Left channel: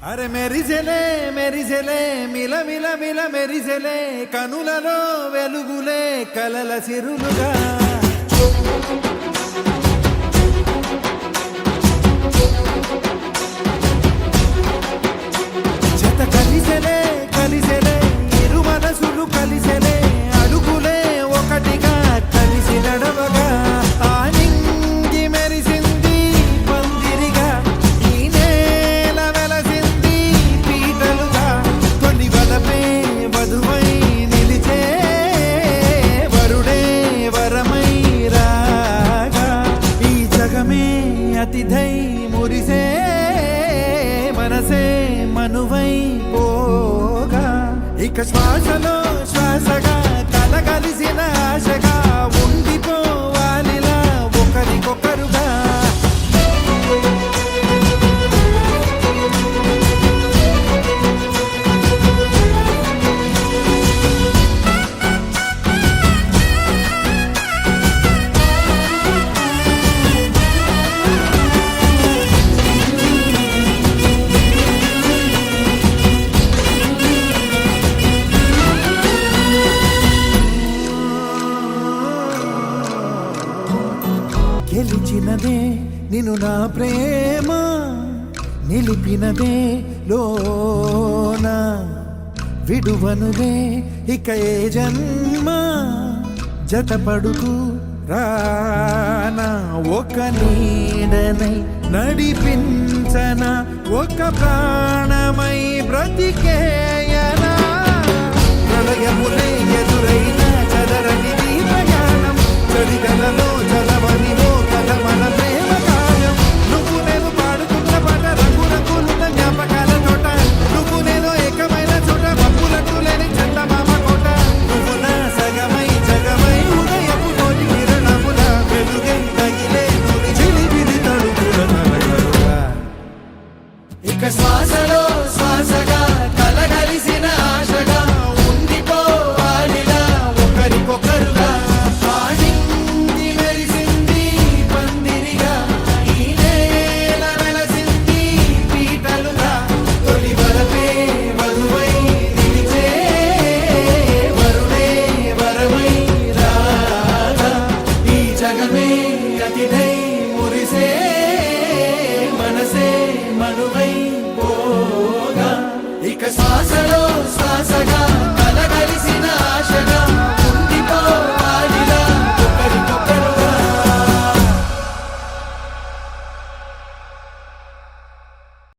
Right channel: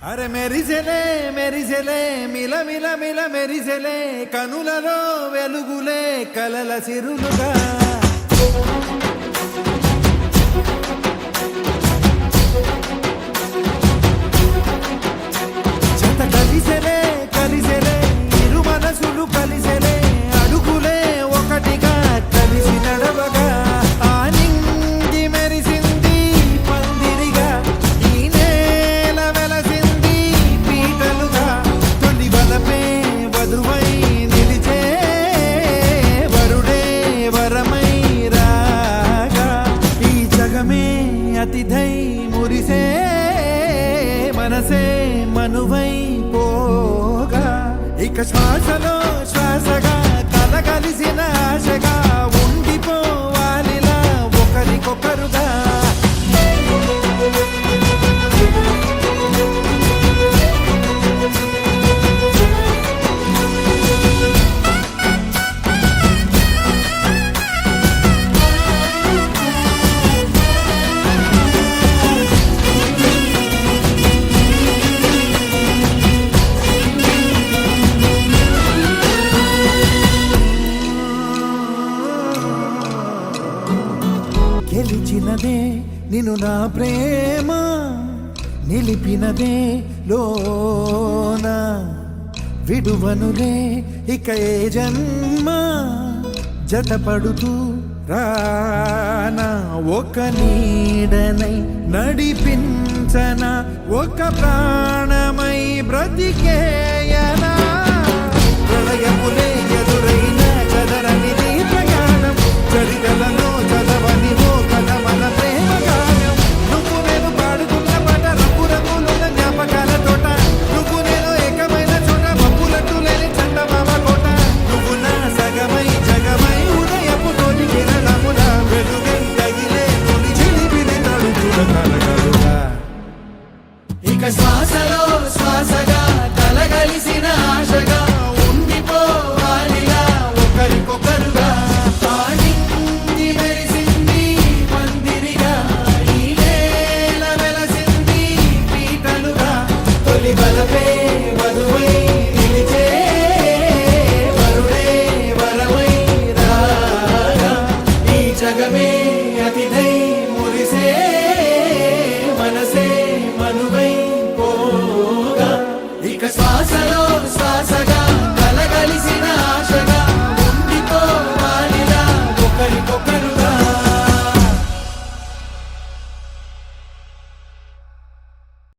అరే మెరిసెలే మెరిసెలే మిల మిల మిల మెరిసెలే కనులలో వెలుగులే కలల సిరులుగా జత కలిసెలే కలిసెలే ఇరు మనసులు కలిసెలే అడుగులే ఒకటిగా కలిసి నడవగా ఆ నింగి మెరిసింది పందిరిగా ఈ నేల వెలసింది పీటలుగా తొలి వలపే వధువై నిలిచే వరుడే వరమై రాగా ఈ జగమే అతిథై మురిసే మనసే మనువై పోగా ఇక శ్వాసలో శ్వాసగా కలగలిసిన ఆశగా ఉండిపోవాలిలా ఒకరికొకరుగా గెలిచినదే నిన్ను నా ప్రేమ నిలిపినదే లోన విడువనులే ఇక ఏ జన్మ జతపడుతూ రానా ఒక నీడనై నడిపించన ఒక ప్రాణమై బ్రతికేయనా ప్రళయములే ఎదురైన చదరనిది ప్రయాణం చరితలలో చదవని ఓ కథ మన ప్రేమ గానం నువ్వు నేను పాడుకున్న పాట రంగు రంగులున్న జ్ఞాపకాల తోట నువ్వు నేను ఏకమైన చోట మప్పులట్టు లేని చందమామ కోట నువ్వు నా సగమై జగమై ఉదయపు తోటి కిరణముల వెలుగై తగిలే నులి చిలిబిలి తడుపుల తరగలుగా ఇక శ్వాసలో శ్వాసగా కలగలిసిన ఆశగా ఉండిపోవాలిలా ఒకరికొకరుగా నింగి మెరిసింది పందిరిగా ఈ నేల వెలసింది పీటలుగా తొలి వలపే వధువై నిలిచే వరుడే వరమై రాగా ఈ జగమే అతిథై మురిసే మనసే మనువై పోగా ఇక శ్వాసలో శ్వాసగా